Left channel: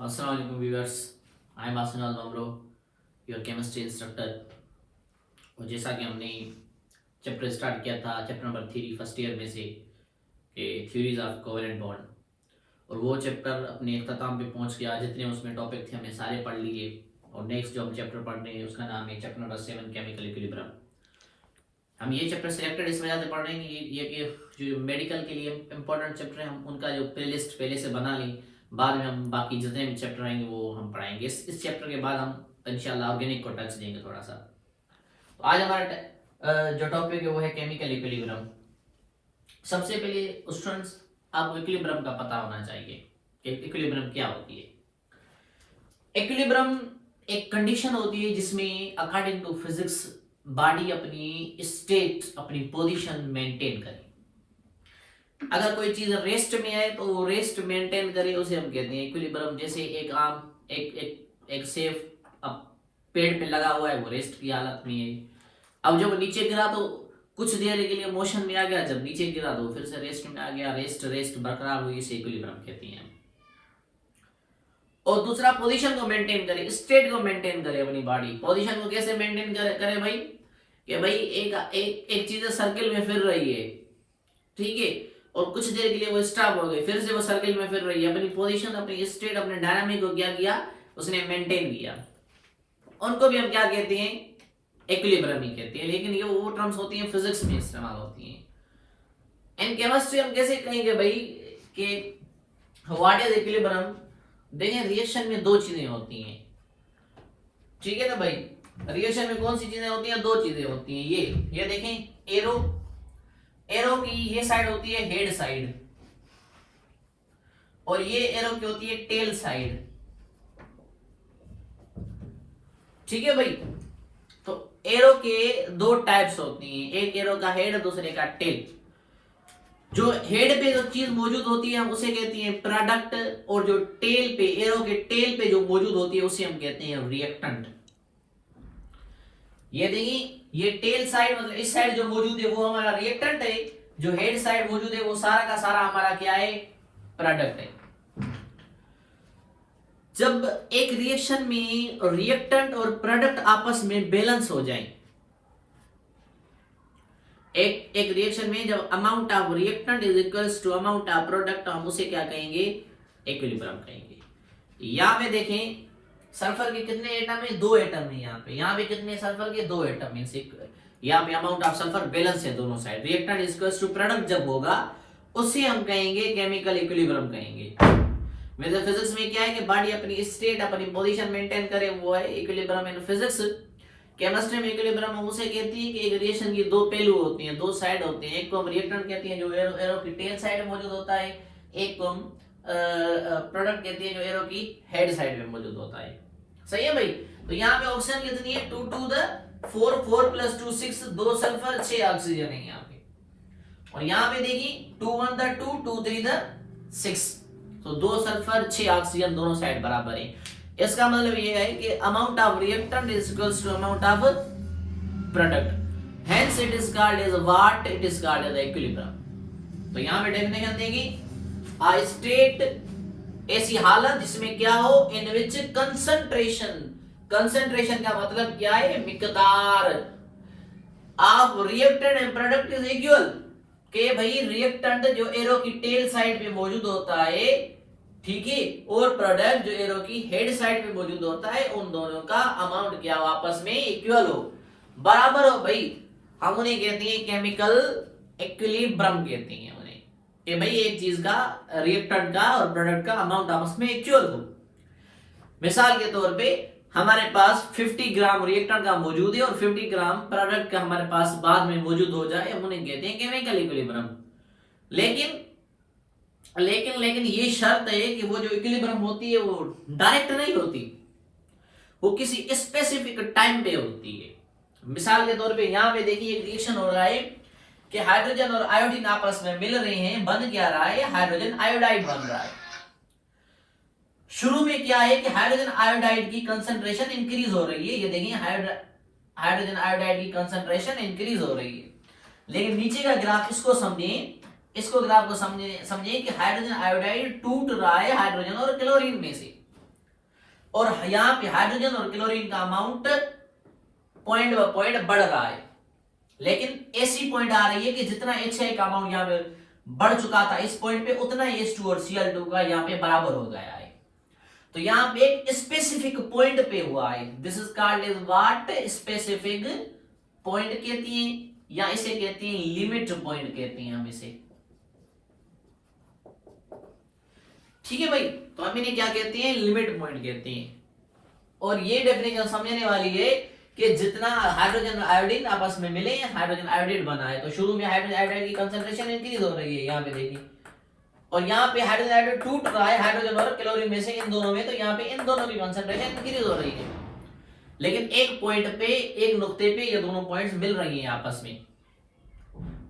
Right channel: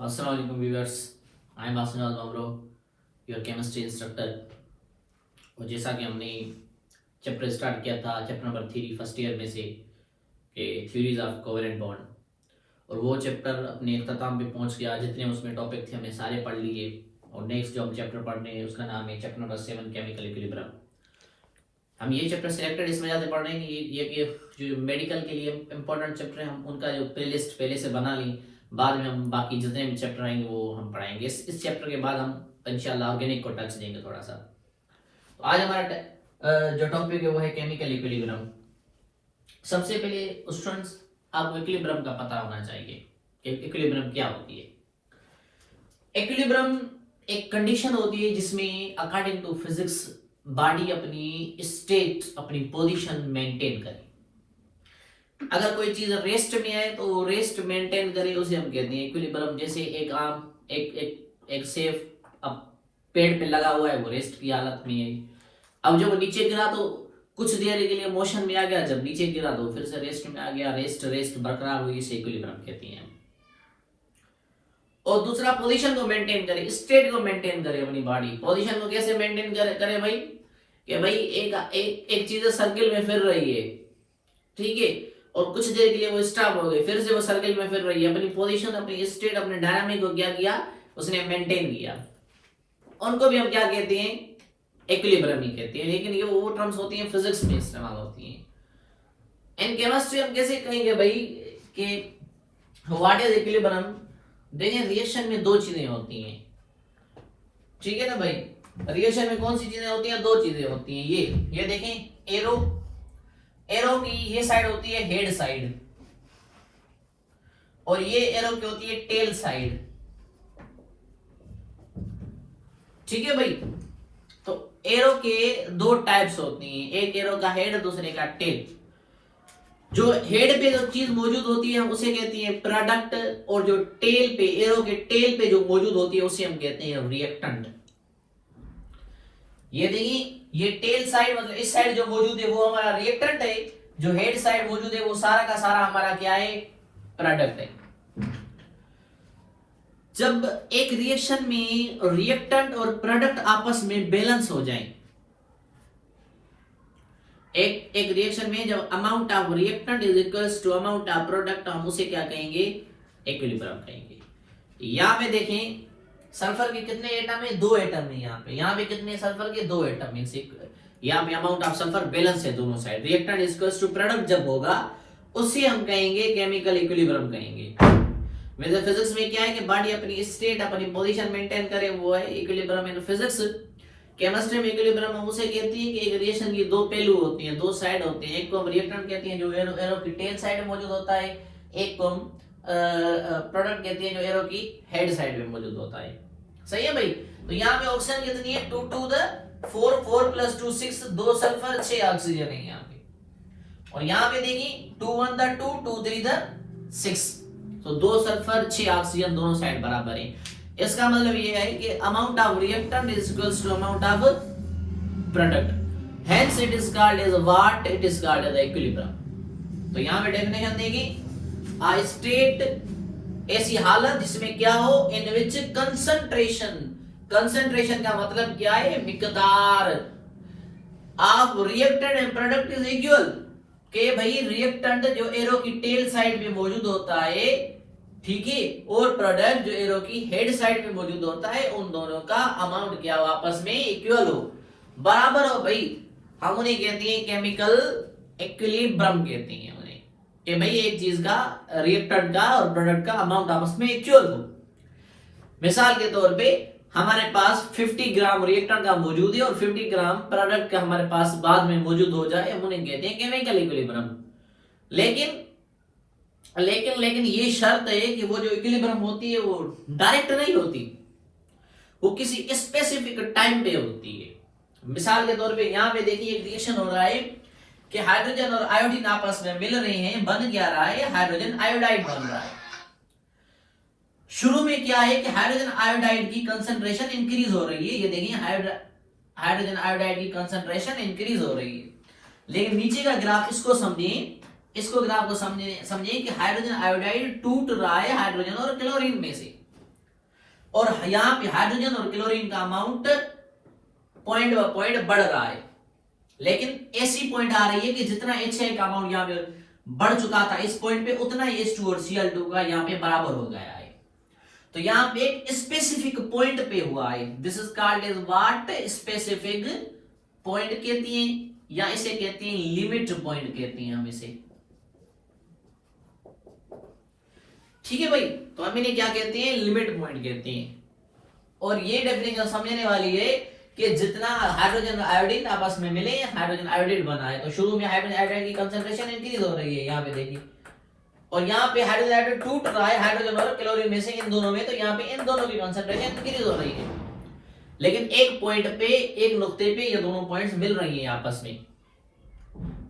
Assalamualaikum viewers, I am Asnal Babro, your chemistry instructor। और जैसा कि हमने चैप्टर स्टार्ट किया था चैप्टर नंबर 3 फर्स्ट ईयर में से कि थ्योरीज ऑफ कोवेलेंट बॉन्ड, और वो चैप्टर अपने अख्ताम पे पहुंच गया। जितने उसमें टॉपिक थे हमने सारे पढ़ लिए, और नेक्स्ट जो हम चैप्टर पढ़ रहे हैं उसका नाम है चैप्टर नंबर 7 केमिकल इक्विलिब्रियम। हम ये चैप्टर सेलेक्टेड इस वजह से पढ़ रहे हैं कि ये जो मेडिकल के लिए इंपॉर्टेंट चैप्टर है, हम उनका जो प्ले लिस्ट पहले से बना लें, बाद में हम बाकी जितने भी चैप्टर आएंगे वो हम पढ़ाएंगे। इस चैप्टर के बाद हम इंशाल्लाह ऑर्गेनिक को टच देंगे थोड़ा सा। तो आज हमारा जो टॉपिक है वो है केमिकल इक्विलिब्रियम। सबसे पहले स्टूडेंट्स आपको इक्विलिब्रियम का पता होना चाहिए कि इक्विलिब्रियम क्या होती है। इक्विलिब्रियम एक कंडीशन होती है जिसमें अकॉर्डिंग टू फिजिक्स बॉडी अपनी स्टेट अपनी पोजीशन मेंटेन करे। अगर कोई चीज रेस्ट में आए तो रेस्ट मेंटेन करे, उसे हम कहते हैं इक्विलिब्रियम। जैसे एक आम एक सेब अब पेड़ पे लगा हुआ है, वो रेस्ट की हालत में है। अब जब नीचे गिरा तो कुछ देर के लिए मोशन में आ गया, जब नीचे गिरा तो फिर से रेस्ट में आ गया। रेस्ट बरकरार हुई, इसे इक्विलिब्रियम कहते हैं। और दूसरा पोजीशन को मेंटेन करे, स्टेट को मेंटेन करे अपनी बॉडी। पोजीशन को कैसे मेंटेन करे भाई, कि भाई एक चीज सर्किल में फिर रही है, ठीक है, और कुछ देर के लिए वो स्टॉप हो गई, फिर से वो सर्किल में फिर रही है। अपनी पोजीशन अपनी स्टेट अपने डायनामिक को क्या किया, उसने मेंटेन किया। उनको भी हम क्या कहते हैं, इक्विलिब्रियम ही कहते हैं। लेकिन ये वो टर्म्स होती हैं फिजिक्स में इस्तेमाल होती हैं। इन केमिस्ट्री हम कैसे कहेंगे भाई कि व्हाट इज इक्विलिब्रियम। देखिए रिएक्शन में दो चीजें होती हैं, ठीक है ना भाई। रिएक्शन में कौन सी चीजें होती हैं, दो चीजें होती हैं। ये देखें एरो की ये साइड होती है हेड साइड, और ये एरो की होती है टेल साइड, ठीक है भाई। तो एरो के दो टाइप्स होती हैं, एक एरो का हेड, दूसरे का टेल। जो हेड पे जो चीज मौजूद होती है हम उसे कहते हैं प्रोडक्ट, और जो टेल पे एरो के टेल पे जो मौजूद होती है उसे हम कहते हैं रिएक्टेंट। ये देखिए ये टेल साइड मतलब इस साइड जो मौजूद है वो हमारा रिएक्टेंट है, जो हेड साइड मौजूद है वो सारा का सारा हमारा क्या है, प्रोडक्ट है। जब एक रिएक्शन में रिएक्टेंट और प्रोडक्ट आपस में बैलेंस हो जाए, एक रिएक्शन में जब amount of reactant is equals to amount of product, हम उसे क्या कहेंगे, इक्विलिब्रियम कहेंगे। यहां पे देखें सल्फर के कितने एटम है, दो एटम है। यहाँ पे कितने सल्फर के, दो एटम है। यहाँ पे अमाउंट ऑफ सल्फर बैलेंस है दोनों side. Reactant is equals to product जब होगा उसे हम कहेंगे केमिकल इक्विलिब्रियम कहेंगे। वैसे फिजिक्स में क्या है कि बॉडी अपनी स्टेट अपनी पोजीशन मेंटेन करे, वो है इक्विलिब्रियम इन फिजिक्स। केमिस्ट्री में इक्विलिब्रियम हम उसे कहते हैं कि एक रिएक्शन की दो पहलू होती हैं, दो साइड होती हैं। एक को हम रिएक्टेंट कहते हैं जो एरो की टेल साइड में मौजूद होता है, एक को हम प्रोडक्ट कहते हैं जो एरो की हेड साइड में मौजूद होता है। सही है भाई। तो यहाँ पे ऑक्सीजन कितनी है, 2 to the 4 4 plus 2 6, 2 sulphur 6 oxygen है यहाँ पे। और यहाँ पे देखिए 2 1 the 2 2 3 the 6, तो 2 सल्फर 6 ऑक्सीजन दोनों साइड बराबर है। इसका मतलब ये है कि amount of reactant is equals to amount of product, hence it is called as what, it is called as equilibrium. तो यहाँ पे डेफिनेशन देगी आ स्टेट ऐसी हालत जिसमें क्या हो, इन विच कंसंट्रेशन का मतलब क्या है, मिकदार of reactant and product is equal. कि भाई रिएक्टेंट जो एरो की टेल साइड पे मौजूद होता है, ठीक है, और प्रोडक्ट जो एरो की हेड साइड पे मौजूद होता है, उन दोनों का अमाउंट क्या हो, आपस में इक्वल हो, बराबर हो भाई। हम उन्हें कहते हैं केमिकल इक्विलिब्रियम कहते हैं उन्हें, कि भाई एक चीज का रिएक्टेंट का और प्रोडक्ट का अमाउंट आपस में इक्वल हो। मिसाल के तौर पे हमारे पास 50 ग्राम रिएक्टेंट का मौजूद है और 50 ग्राम प्रोडक्ट का हमारे पास बाद में मौजूद हो जाए, हम उन्हें कहते हैं केमिकल इक्विलिब्रियम। लेकिन ये शर्त है कि वो जो इक्विलिब्रियम होती है वो डायरेक्ट नहीं होती, वो किसी स्पेसिफिक टाइम पे होती है। मिसाल के तौर पे यहाँ पे देखिए एक रिएक्शन हो रहा है कि हाइड्रोजन और आयोडीन आपस में मिल रहे हैं, बन क्या रहा है, हाइड्रोजन आयोडाइड बन रहा है। शुरू में क्या है कि हाइड्रोजन आयोडाइड की कंसंट्रेशन इंक्रीज हो रही है, ये देखिए हाइड्रोजन आयोडाइड की कंसंट्रेशन इंक्रीज हो रही है। लेकिन नीचे का ग्राफ इसको समझिए कि हाइड्रोजन आयोडाइड टूट रहा है हाइड्रोजन और क्लोरीन में से। और यहाँ पे हाइड्रोजन और क्लोरीन का अमाउंट पॉइंट बाय पॉइंट बढ़ रहा है, लेकिन ऐसी पॉइंट आ रही है कि जितना HCl का अमाउंट यहाँ पे बढ़ चुका था इस पॉइंट पे, उतना H2 और Cl2 का यहाँ पे बराबर हो गया है। तो यहाँ पे एक स्पेसिफिक पॉइंट पे हुआ है, this is called as what, specific point कहती हैं, या इसे कहते हैं लिमिट पॉइंट कहते हैं हम इसे। ठीक है भाई, तो हम इन्हें क्या कहते हैं, लिमिट पॉइंट कहते हैं। और ये डेफिनेशन समझने वाली है कि जितना हाइड्रोजन और आयोडीन आपस में मिले, हाइड्रोजन आयोडाइड बना है, तो शुरू में हाइड्रोजन आयोडाइड की कंसंट्रेशन इंक्रीज हो रही है, यहाँ पे देखिए, और यहाँ पे हाइड्रोजन आयोडाइड टूट रहा है हाइड्रोजन और क्लोरीन में से, इन दोनों में, तो यहाँ पे इन दोनों की कंसंट्रेशन इंक्रीज हो रही है। लेकिन एक पॉइंट पे, एक नुक्ते पे ये दोनों पॉइंट्स मिल रही हैं आपस में,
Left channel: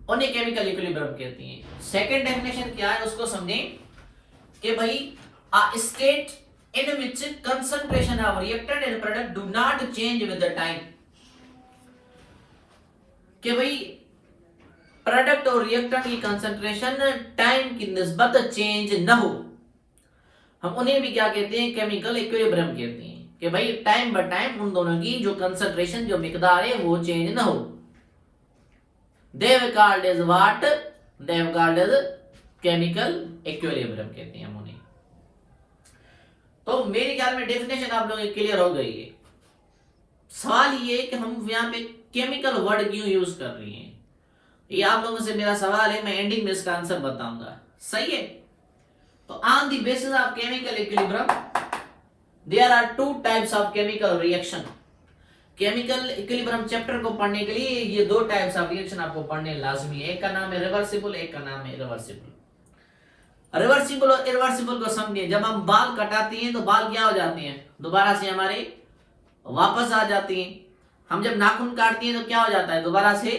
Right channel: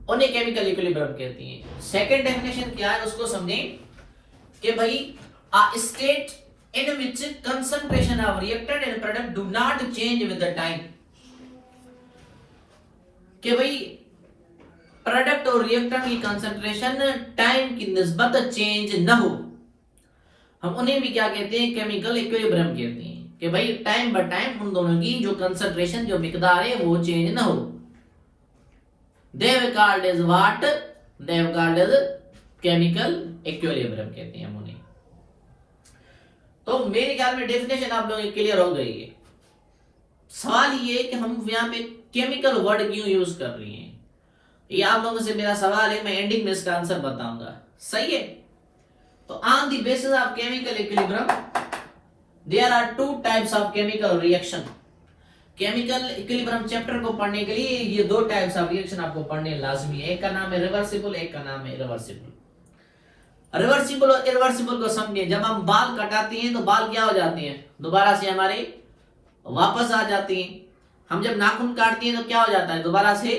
उन्हें केमिकल इक्विलिब्रियम कहती हैं। सेकंड डेफिनेशन क्या है उसको समझें कि भाई a state in which concentration of reactant and product do not change with the time, कि भाई प्रोडक्ट और रिएक्टेंट की कंसंट्रेशन टाइम की निस्बत चेंज न हो, हम उन्हें भी क्या कहते हैं, केमिकल इक्विलिब्रियम कहते हैं। कि भाई टाइम बाय टाइम उन दोनों की जो कंसंट्रेशन, जो मिकदार है वो चेंज न हो, they were called as what, they were called as chemical equilibrium कहते हैं हम उन्हें। तो मेरे ख्याल में डेफिनेशन आप लोगों की क्लियर हो गई है। सवाल ये कि हम यहाँ पे केमिकल वर्ड क्यों यूज कर रही हैं, ये आप लोगों से मेरा सवाल है, मैं एंडिंग में इसका आंसर बताऊंगा, सही है। तो on the basis of chemical equilibrium there are two types of chemical reaction. Chemical equilibrium chapter को पढ़ने के लिए ये दो टाइप्स ऑफ रिएक्शन आपको पढ़ने लाजमी है, एक का नाम है रिवर्सिबल, एक का नाम है इरिवर्सिबल। रिवर्सिबल और इरिवर्सिबल को समझिए, जब हम बाल कटाते हैं तो बाल क्या हो जाते हैं, दोबारा से हमारे वापस आ जाते हैं। हम जब नाखून काटते हैं तो क्या हो जाता है, दोबारा से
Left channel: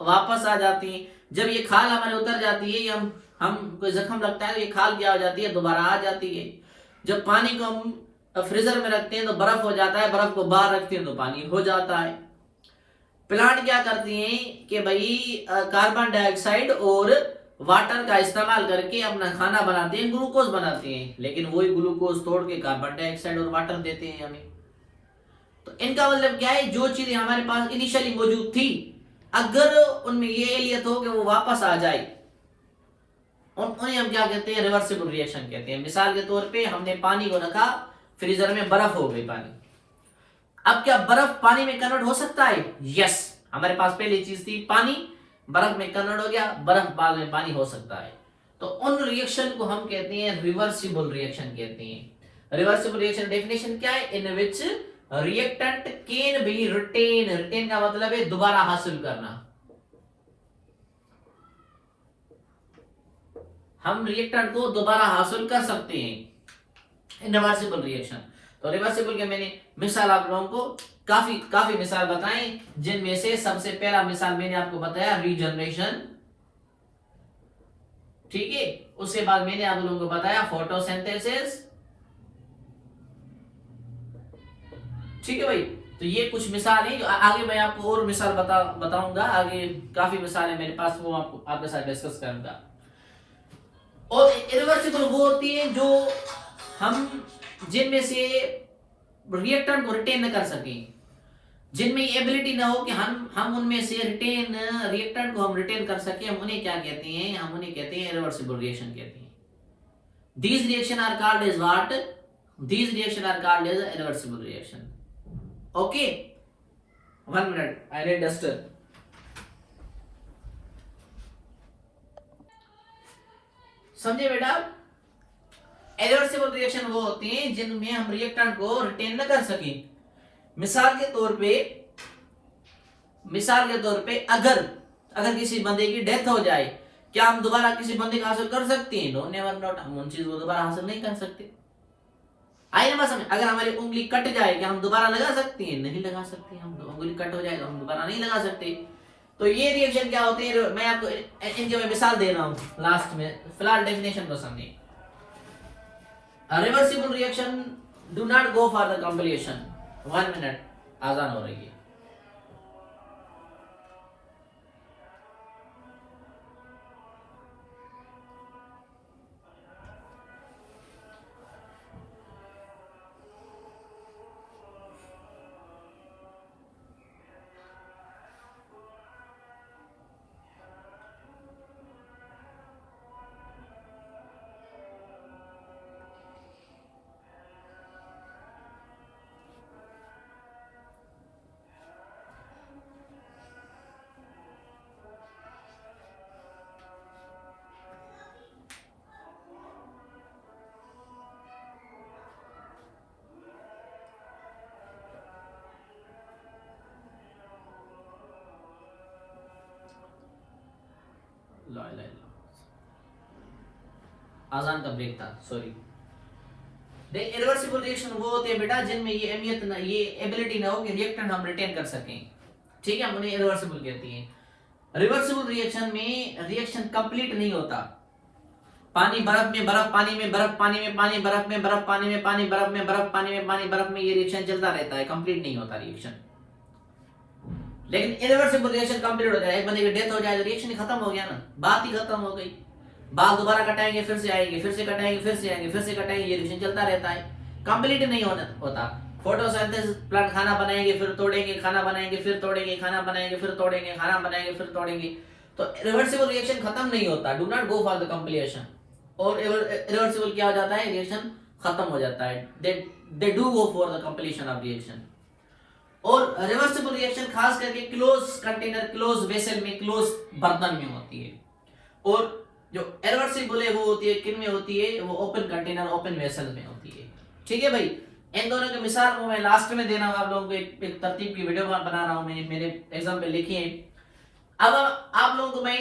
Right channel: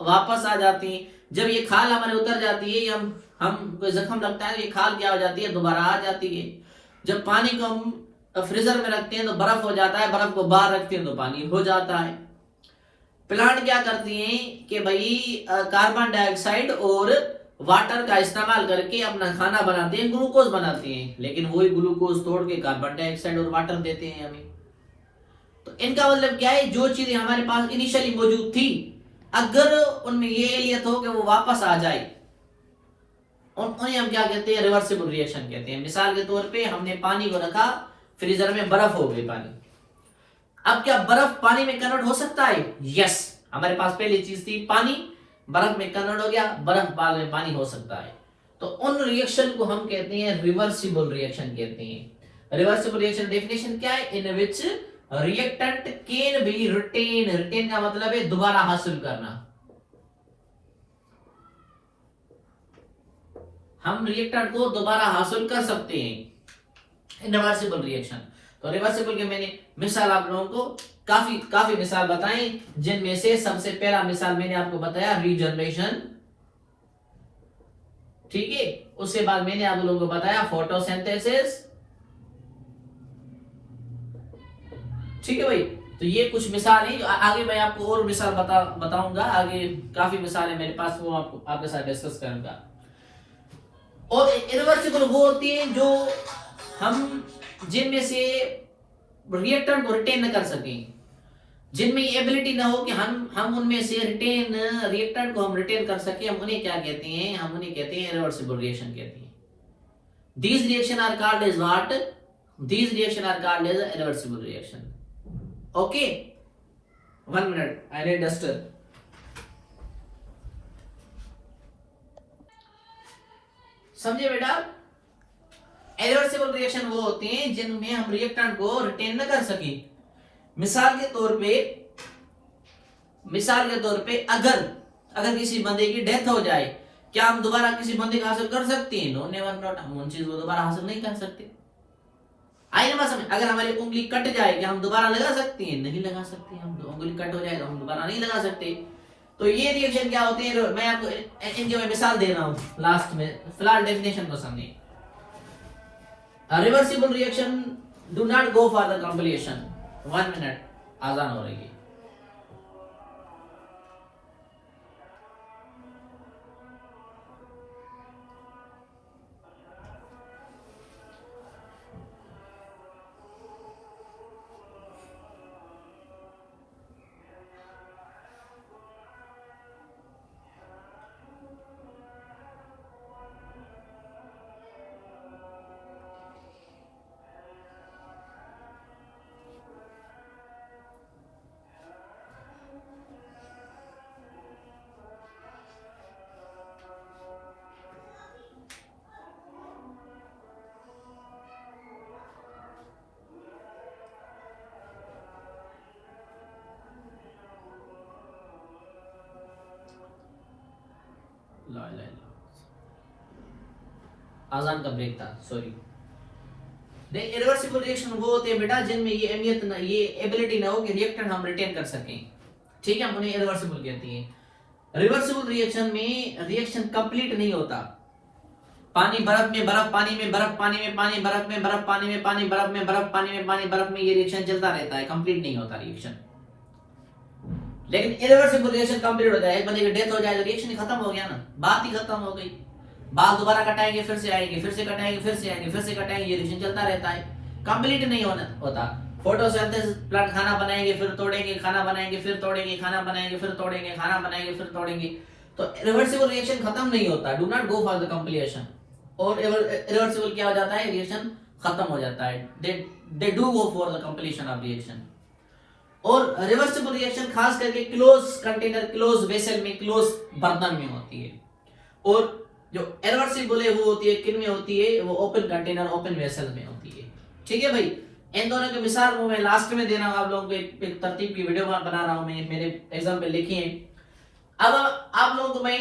वापस आ जाती हैं। जब ये खाल हमारे उतर जाती है, हम कोई जख्म लगता है तो ये खाल क्या हो जाती है, दोबारा आ जाती है। जब पानी को हम फ्रीजर में रखते हैं तो बर्फ हो जाता है, बर्फ को बाहर रखते हैं तो पानी हो जाता है। प्लांट क्या करती हैं कि भाई कार्बन डाइऑक्साइड और वाटर का इस्तेमाल करके अपना खाना बनाते हैं, ग्लूकोज बनाते हैं, लेकिन वही ग्लूकोज तोड़ के कार्बन डाइऑक्साइड और वाटर देते हैं हमें। तो इनका मतलब क्या है, जो चीजें हमारे पास इनिशियली मौजूद थी, अगर उनमें ये एलियत हो कि वो वापस आ जाए, उन्हें हम क्या कहते हैं, रिवर्सिबल रिएक्शन कहते हैं। मिसाल के तौर पे हमने पानी को रखा फ्रीजर में, बर्फ हो गई पानी। अब क्या बर्फ पानी में कन्वर्ट हो सकता है? यस, हमारे पास पहली चीज थी पानी, बर्फ में कन्वर्ट हो गया, बर्फ बाद में पानी हो सकता है। तो उन रिएक्शन को हम कहते हैं रिवर्सिबल रिएक्शन कहते हैं। रिवर्सिबल रिएक्शन डेफिनेशन क्या है, in which reactant can be written, written का मतलब है दोबारा हासिल करना। हम रिएक्टेंट को दोबारा हासिल कर सकते हैं, रिवर्सिबल रिएक्शन। तो रिवर्सिबल के मैंने मिसाल आप लोगों को काफी मिसाल बताएं, जिनमें से सबसे पहला मिसाल मैंने आपको बताया रीजनरेशन, ठीक है। उसके बाद मैंने आप लोगों को बताया फोटोसिंथेसिस, ठीक है भाई। तो ये कुछ मिसाल है, आगे मैं आपको और मिसाल बताऊंगा, आगे काफी मिसाल है मेरे पास, वो आपको आपके साथ डिस्कस करूंगा। और इरिवर्सिबल वो होती है जो हम, जिनमें से रिएक्टेंट को रिटेन न कर सकें, जिनमें एबिलिटी ना हो कि हम उनमें से रिएक्टेंट को हम रिटेन कर सके, हम उन्हें क्या कहते हैं, हम उन्हें कहते हैं रिवर्सिबल रिएक्शन कहते हैं। These reaction are called as what? These reaction are called as irreversible reaction. Okay, 1 minute, I need duster. समझे बेटा, इरिवर्सिबल रिएक्शन वो होते हैं जिनमें हम रिएक्टेंट को रिटेन न कर सके। मिसाल के तौर पे अगर किसी बंदे की डेथ हो जाए, क्या हम दोबारा किसी बंदे को हासिल कर सकते हैं? नो, नेवर नॉट, हम उन चीज को दोबारा हासिल नहीं कर सकते। आइए ना समझ, अगर हमारी उंगली कट जाए, क्या हम दोबारा लगा सकते हैं? नहीं लगा सकते। हम उंगली कट हो जाए तो हम दोबारा नहीं लगा सकते। तो ये रिएक्शन क्या होते हैं, मैं आपको इनके मैं मिसाल दे रहा हूं लास्ट में, फिलहाल डेफिनेशन को समझिए। Reversible reaction do not go for the completion. 1 minute, आजान हो रही है। आजान का ब्रेक था, सॉरी। इरिवर्सिबल रिएक्शन वो होते हैं बेटा जिनमें ये अहमियत ना, ये एबिलिटी ना हो कि रिएक्टेंट हम रिटेन कर सकें, ठीक है, हम उन्हें इरिवर्सिबल कहते हैं। रिवर्सिबल रिएक्शन में रिएक्शन कंप्लीट नहीं होता। पानी बर्फ में, बर्फ पानी में, बर्फ पानी में, पानी बर्फ में, बर्फ पानी में, पानी बर्फ में, बर्फ पानी में, पानी बर्फ में, ये रिएक्शन चलता रहता है, कंप्लीट नहीं होता रिएक्शन। लेकिन इरिवर्सिबल रिएक्शन कंप्लीट हो जाए, एक बंदे की डेथ हो जाए तो रिएक्शन खत्म हो गया ना, बात ही खत्म हो गई। बाल दोबारा कटाएंगे, फिर से आएंगे, फिर से कटाएंगे, फिर से आएंगे, फिर से कटाएंगे, ये रिएक्शन चलता रहता है, कंप्लीट नहीं होता। फोटोसिंथेसिस प्लांट खाना बनाएंगे, फिर तोड़ेंगे, खाना बनाएंगे, फिर तोड़ेंगे, खाना बनाएंगे, फिर तोड़ेंगे, खाना बनाएंगे, फिर तोड़ेंगे, तो रिवर्सिबल रिएक्शन खत्म नहीं होता। Do not go for the completion. और इरिवर्सिबल क्या हो जाता है, रिएक्शन खत्म हो जाता है, they do go for the completion of reaction. और रिवर्सिबल रिएक्शन खास करके क्लोज कंटेनर, क्लोज वेसल में, क्लोज बर्तन में होती है। और जो इरिवर्सिबल है वो होती है किन में होती है, वो ओपन कंटेनर, ओपन वेसल में होती है, ठीक है भाई। इन दोनों की मिसाल को मैं लास्ट में देना आप लोगों को, एक तरतीब की वीडियो बना रहा हूं मैं, मेरे एग्जाम पे लिखी है। अब आप लोगों को मैं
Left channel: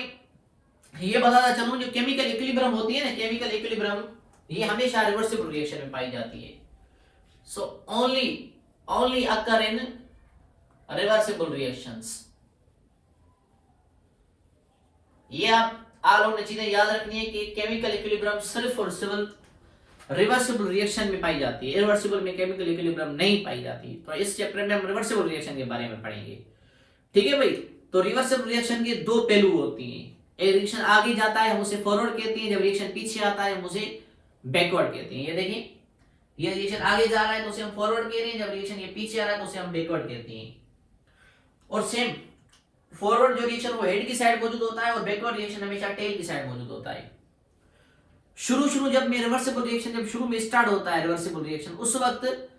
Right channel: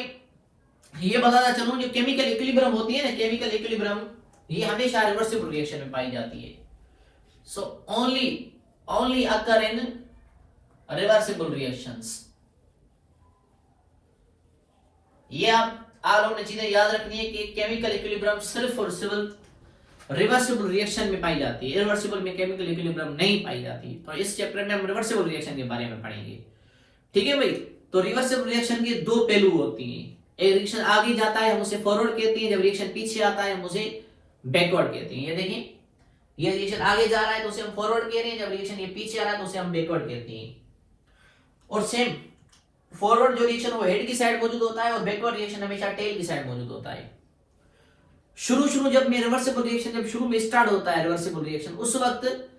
ये बताना चाहूँ, जो केमिकल इक्विलिब्रियम होती है ना, केमिकल इक्विलिब्रियम, ये हमेशा रिवर्सिबल रिएक्शन में पाई जाती है। सो ओनली अकर इन रिवर्सिबल रिएक्शंस। ये आप लोगों ने चीजें याद रखनी है कि केमिकल इक्विलिब्रियम सिर्फ और सिर्फ रिवर्सिबल रिएक्शन में पाई जाती है, इरिवर्सिबल में केमिकल इक्विलिब्रियम नहीं पाई जाती। तो इस चैप्टर में हम रिवर्सिबल रिएक्शन के बारे में पढ़ेंगे, ठीक है भाई। तो रिवर्सिबल रिएक्शन के दो पहलू होती हैं, एक रिएक्शन आगे जाता है हम उसे फॉरवर्ड कहते हैं, जब रिएक्शन पीछे आता है हम उसे बैकवर्ड कहते हैं। ये देखिए, ये रिएक्शन आगे जा रहा है तो उसे हम फॉरवर्ड कह रहे हैं, जब रिएक्शन ये पीछे आ रहा है तो उसे हम बैकवर्ड कहते हैं। और सेम फॉरवर्ड जो रिएक्शन वो हेड की साइड मौजूद होता है, और बैकवर्ड रिएक्शन हमेशा टेल की साइड मौजूद होता है। शुरू जब रिवर्सिबल रिएक्शन जब शुरू में स्टार्ट होता है रिवर्सिबल रिएक्शन, उस वक्त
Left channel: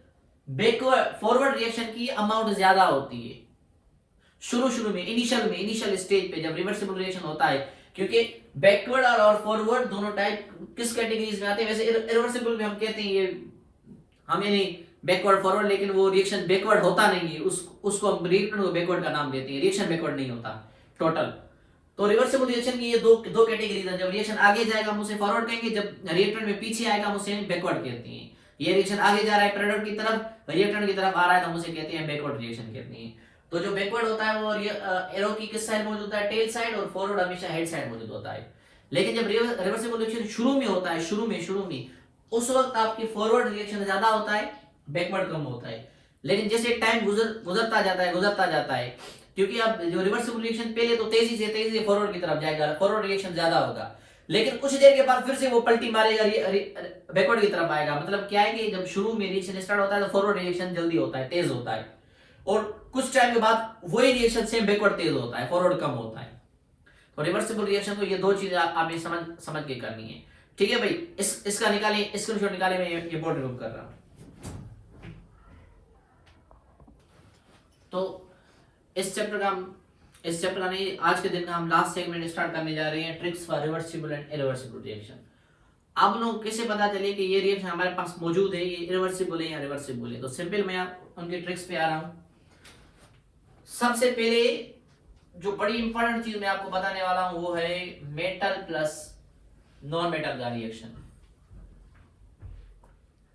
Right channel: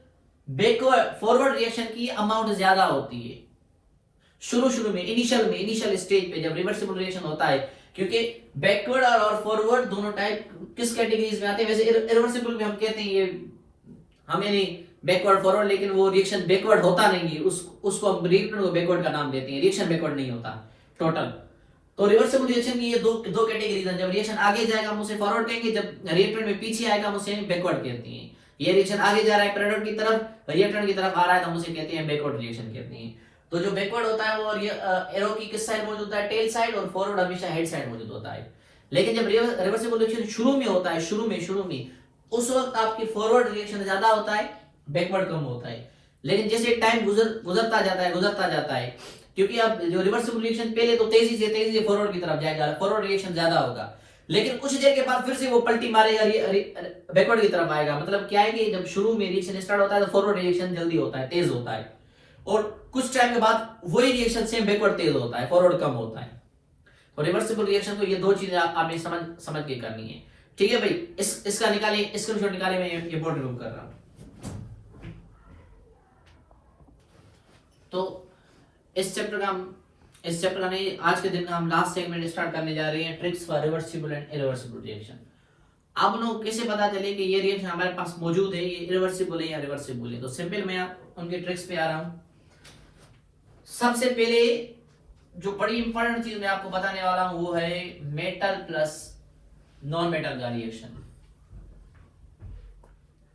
बैकवर्ड फॉरवर्ड रिएक्शन की अमाउंट ज्यादा होती है। शुरू में इनिशियल स्टेज पे जब रिवर्सिबल रिएक्शन होता है, क्योंकि बैकवर्ड और फॉरवर्ड दोनों टाइप किस कैटेगरीज में आते हैं। वैसे इरिवर्सिबल में हम कहते हैं ये हमें नहीं बैकवर्ड फॉरवर्ड, लेकिन वो रिएक्शन बैकवर्ड होता नहीं है, उसको हम रिएक्टेंट को बैकवर्ड का नाम देते हैं, रिएक्शन बैकवर्ड नहीं होता टोटल। तो रिवर्सिबल रिएक्शन की ये दो कैटेगरीज हैं। जब रिएक्शन आगे जाएगा हम उसे फॉरवर्ड कहेंगे, जब रिएक्टेंट में पीछे आएगा हम उसे बैकवर्ड कहते हैं। ये रिएक्शन आगे जा रहा है प्रोडक्ट की तरफ, रिएक्टेंट की तरफ आ रहा है तो हम उसे कहते हैं बैकवर्ड रिएक्शन कहते हैं। तो जो बैकवर्ड होता है वो एरो की किस साइड मौजूद होता है, टेल साइड, और फॉरवर्ड हमेशा हेड साइड मौजूद होता है। लेकिन जब रिवर्सिबल रिएक्शन शुरू में होता है, शुरू में उस वक्त आपकी फॉरवर्ड रिएक्शन ज्यादा होता है, बैकवर्ड कम होता है। लेकिन जैसे टाइम गुजरता जाता है, क्योंकि अब जो रिवर्सिबल रिएक्शन पहले तो तेजी से फॉरवर्ड की तरफ जाएगा, फॉरवर्ड रिएक्शन ज्यादा होगा, लेकिन कुछ देर के बाद फिर से वो पलटी मारेगा, बैकवर्ड की तरफ आएगा। मतलब क्या है कि जब शुरू में रिएक्शन स्टार्ट होता है तो फॉरवर्ड रिएक्शन जल्दी होता है, तेज होता है, और कुछ टाइम के बाद वही रिएक्शन सेम बैकवर्ड तेज होता है, फॉरवर्ड कम होता है। तो रिवर्सिबल रिएक्शन को ये दो चीजें आपने समझ के करनी है, ठीक है भाई। इसका निकालिए, स्क्रीनशॉट निकालिए, मैं ये बोर्ड रिमूव कर रहा हूं। तो इस चैप्टर का नहीं, आज के दिन का हम लास्ट सेगमेंट स्टार्ट करने जा रहे हैं, tricks for reversible and irreversible reaction. आप लोग कैसे पता चले कि ये रिएक्शन हमारे पास मौजूद है, ये इरिवर्सिबल है या रिवर्सिबल है। तो सिंपल मैं उनके ट्रिक्स पे आ रहा हूं। सबसे पहले जो बड़ी इंपॉर्टेंट चीज मैं आपको बताने वाला हूं वो है मेटल प्लस नॉन मेटल का रिएक्शन।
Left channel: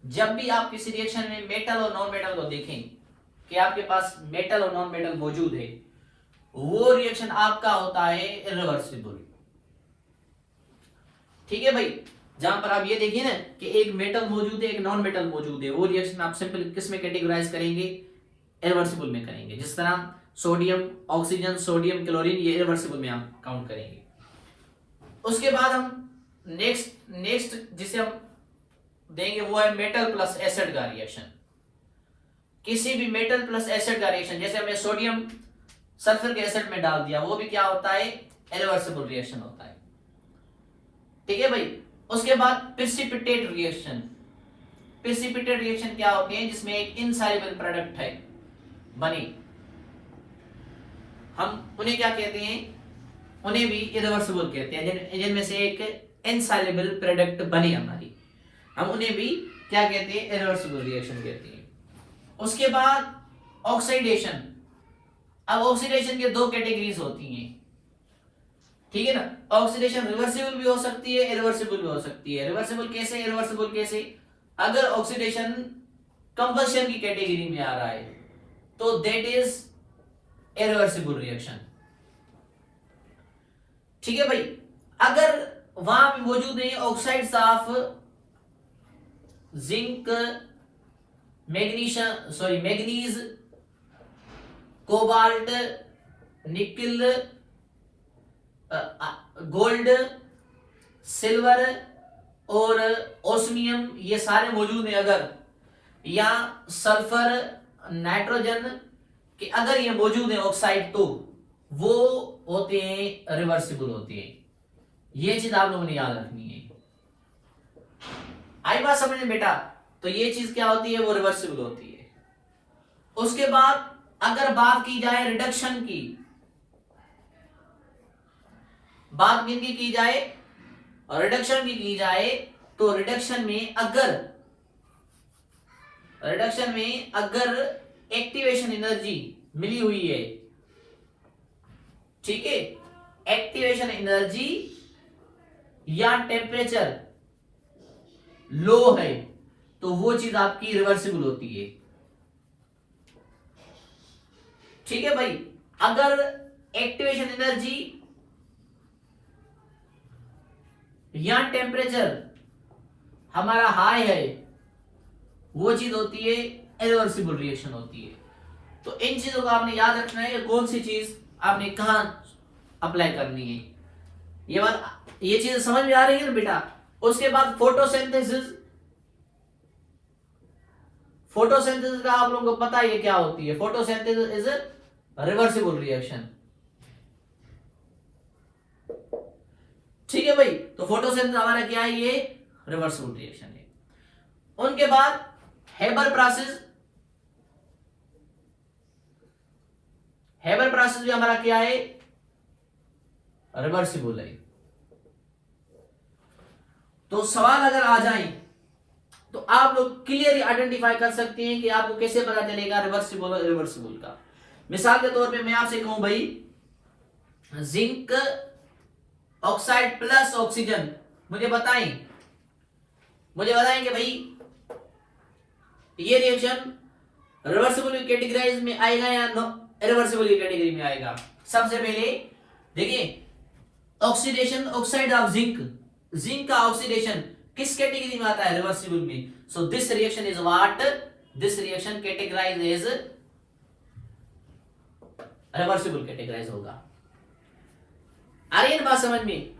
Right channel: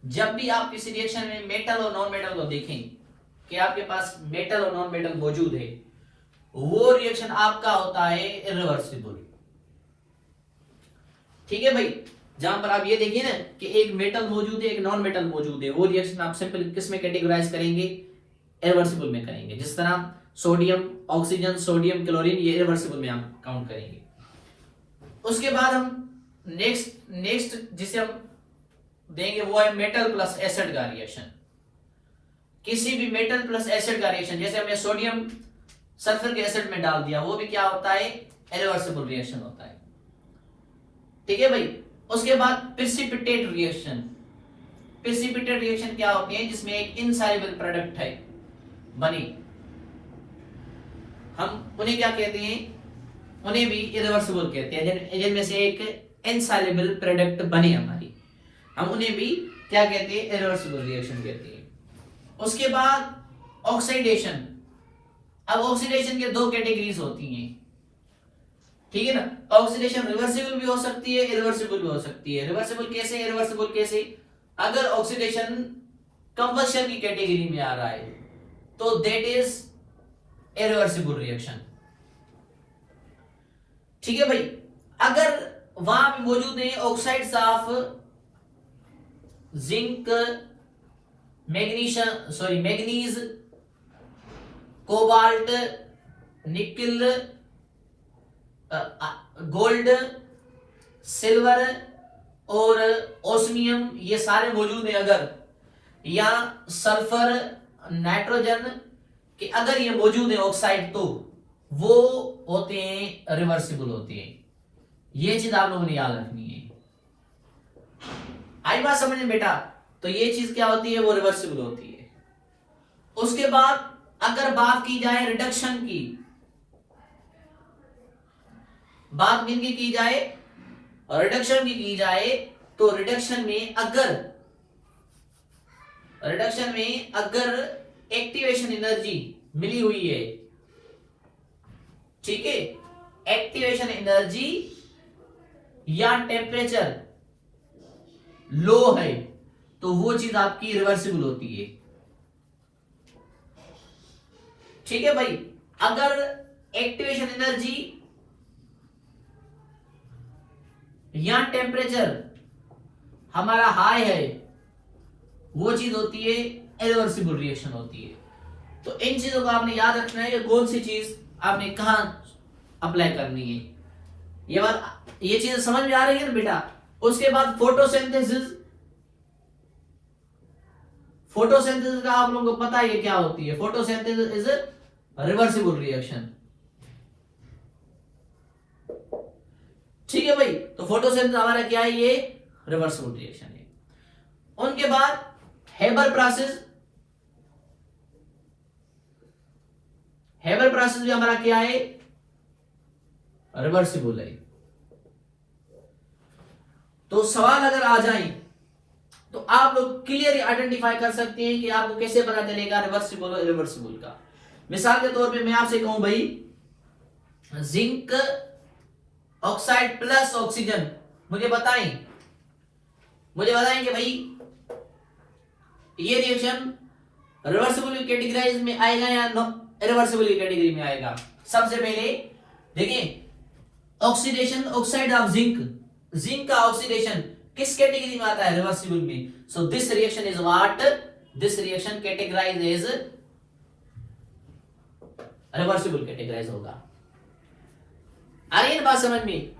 जब भी आप किसी रिएक्शन में मेटल और नॉन मेटल को देखें कि आपके पास मेटल और नॉन मेटल मौजूद है, वो रिएक्शन आपका होता है इरिवर्सिबल, ठीक है भाई। जहां पर आप ये देखिए ना कि एक मेटल मौजूद है, एक नॉन मेटल मौजूद है, वो रिएक्शन आप सिंपल किस में कैटेगराइज करेंगे, इरिवर्सिबल में करेंगे। जिस तरह सोडियम ऑक्सीजन, सोडियम क्लोरीन, ये इरिवर्सिबल में हम काउंट करेंगे। उसके बाद हम नेक्स्ट जिसे हम देंगे वो है मेटल प्लस एसिड का रिएक्शन। किसी भी मेटल प्लस एसिड का रिएक्शन, जैसे हमने सोडियम सल्फर के एसिड में डाल दिया, वो भी क्या होता है, इरिवर्सिबल रिएक्शन होता है, ठीक है भाई। उसके बाद प्रेसिपिटेट रिएक्शन। प्रेसिपिटेट रिएक्शन क्या होते हैं, जिसमें एक इनसॉल्युबल प्रोडक्ट है बनी, हम उन्हें क्या कहते हैं, उन्हें भी इरिवर्सिबल कहते हैं। जिनमें से एक इनसॉल्युबल प्रोडक्ट बनी हमारी, हम उन्हें भी क्या कहते हैं, इरिवर्सिबल रिएक्शन कहते हैं। उसके बाद ऑक्सीडेशन। अब ऑक्सीडेशन के दो कैटेगरीज होती हैं, ठीक है ना। ऑक्सीडेशन रिवर्सिबल भी हो सकती है, इरिवर्सिबल भी हो सकती है। रिवर्सिबल कैसे, इरिवर्सिबल कैसे? अगर ऑक्सीडेशन कंबशन की कैटेगरी में आ रहा है तो दैट इज इरिवर्सिबल रिएक्शन। ठीक है भाई। अगर वहां पे मौजूद है oxides of zinc, manganese, cobalt, निकल, गोल्ड, सिल्वर और ओस्मियम, ये सारे मौजूद हैं अगर, या सल्फर, नाइट्रोजन के अगर ये मौजूद है ऑक्साइड, तो वो होते हैं रिवर्सिबल होते हैं। ये चीज आप लोगों ने याद रखनी है। आई बात समझ में बेटा? तो ये चीज क्या होती है, वो रिवर्सिबल होती है। उसके बाद अगर बात की जाए रिडक्शन की, बात किनकी की जाए, रिडक्शन की जाए, तो रिडक्शन में अगर एक्टिवेशन एनर्जी मिली हुई है, ठीक है, एक्टिवेशन एनर्जी या टेम्परेचर लो है, तो वो चीज आपकी रिवर्सिबल होती है। ठीक है भाई। अगर एक्टिवेशन एनर्जी या टेम्परेचर हमारा हाई है, वो चीज होती है इरिवर्सिबल रिएक्शन होती है। तो इन चीजों को आपने याद रखना है, कौन सी चीज आपने कहां अप्लाई करनी है। ये बात, ये चीज समझ में आ रही है ना बेटा? उसके बाद फोटोसिंथेसिस का आप लोगों को पता है क्या होती है। Photosynthesis is reversible reaction. ठीक है भाई। तो फोटोसिंथेसिस हमारा क्या है, ये रिवर्सिबल रिएक्शन है। उनके बाद हेबर प्रोसेस भी हमारा क्या है, रिवर्सिबल है। तो सवाल अगर आ जाए तो आप लोग क्लियरली आइडेंटिफाई कर सकते हैं कि आपको कैसे पता चलेगा रिवर्सिबल और इरिवर्सिबल का। मिसाल के तौर पे मैं आपसे कहूं भाई, जिंक ऑक्साइड प्लस ऑक्सीजन, मुझे बताएं कि भाई ये रिएक्शन रिवर्सिबल कैटेगराइज में आएगा या इरिवर्सिबल कैटेगरी में आएगा। सबसे पहले देखिए, ऑक्सीडेशन ऑक्साइड ऑफ जिंक का ऑक्सीडेशन किस कैटेगरी में आता है, रिवर्सिबल में। So this reaction is what, this reaction categorize is reversible categorize होगा। आ रही है ना बात समझ में?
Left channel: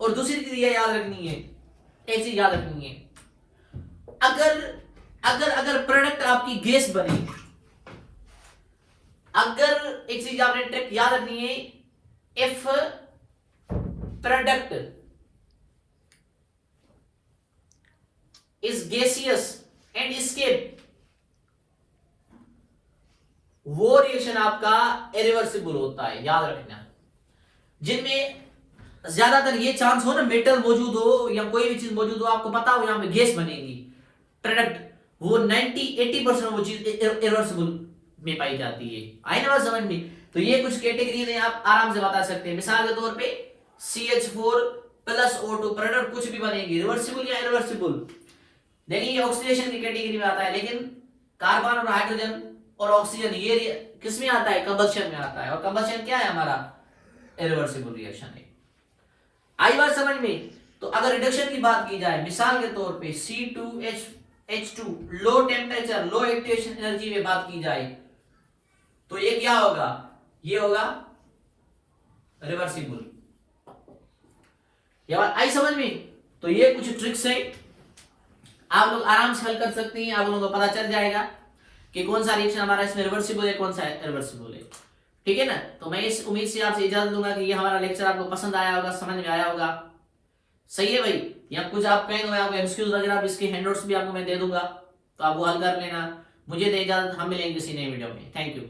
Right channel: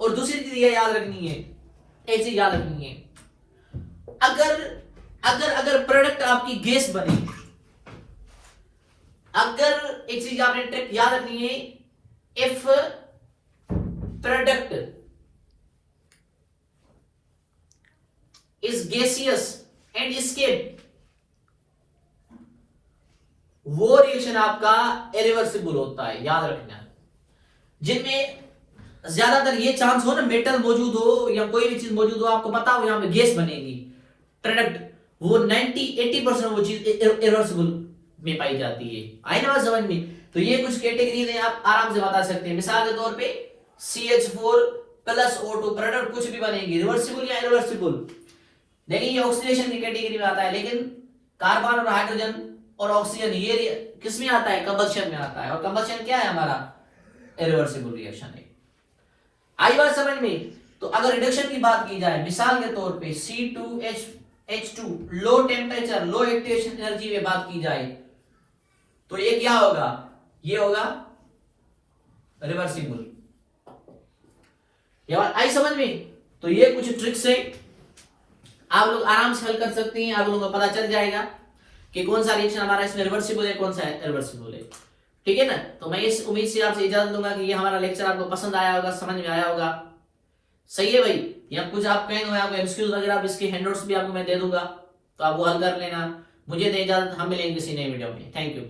और दूसरी चीज ये याद रखनी है, एक चीज याद रखनी है, अगर प्रोडक्ट आपकी गैस बने, अगर एक चीज आपने ट्रिक याद रखनी है, if product is gaseous and escape, वो रिएक्शन आपका इरिवर्सिबल होता है, याद रखना। जिनमें ज्यादातर ये चांस हो ना, मेटल मौजूद हो या कोई भी चीज मौजूद हो, आपको पता हो यहां पे गैस बनेगी, प्रोडक्ट, वो 90-80% वो चीज इरिवर्सिबल में पाई जाती है। आई ना बात समझ में? तो ये कुछ कैटेगरीज हैं, आप आराम से बता सकते हैं। मिसाल के तौर पे CH4 प्लस O2 प्रोडक्ट कुछ भी बनेगी, रिवर्सिबल या इरिवर्सिबल। देखिए ये ऑक्सीडेशन की कैटेगरी में आता है, लेकिन कार्बन और हाइड्रोजन और ऑक्सीजन ये किस में आता है, कंबशन में आता है। और कंबशन क्या है हमारा, इरिवर्सिबल रिएक्शन है। आई बात समझ में? तो अगर रिडक्शन की बात की जाए, मिसाल के तौर पे C2H2 low temperature low activation energy में बात की जाए, तो ये क्या होगा, ये होगा रिवर्सिबल। ये बात आई समझ में? तो ये कुछ ट्रिक्स है, आप लोग आराम से हल कर सकते हैं। आप लोगों को पता चल जाएगा कि कौन सा रिएक्शन हमारा इसमें रिवर्सिबल है, कौन सा इरिवर्सिबल है। ठीक है ना? तो मैं इस उम्मीद से आपसे इजाजत लूंगा कि ये हमारा लेक्चर आपको पसंद आया होगा, समझ में आया होगा। सही है भाई? या कुछ आप कहें, मैं आपको एमसीक्यूज वगैरह इसके हैंडआउट्स भी आपको मैं दे दूंगा, तो आप वो हल कर लेना। मुझे दे इजाजत, हम मिलेंगे किसी नए वीडियो में। Thank you.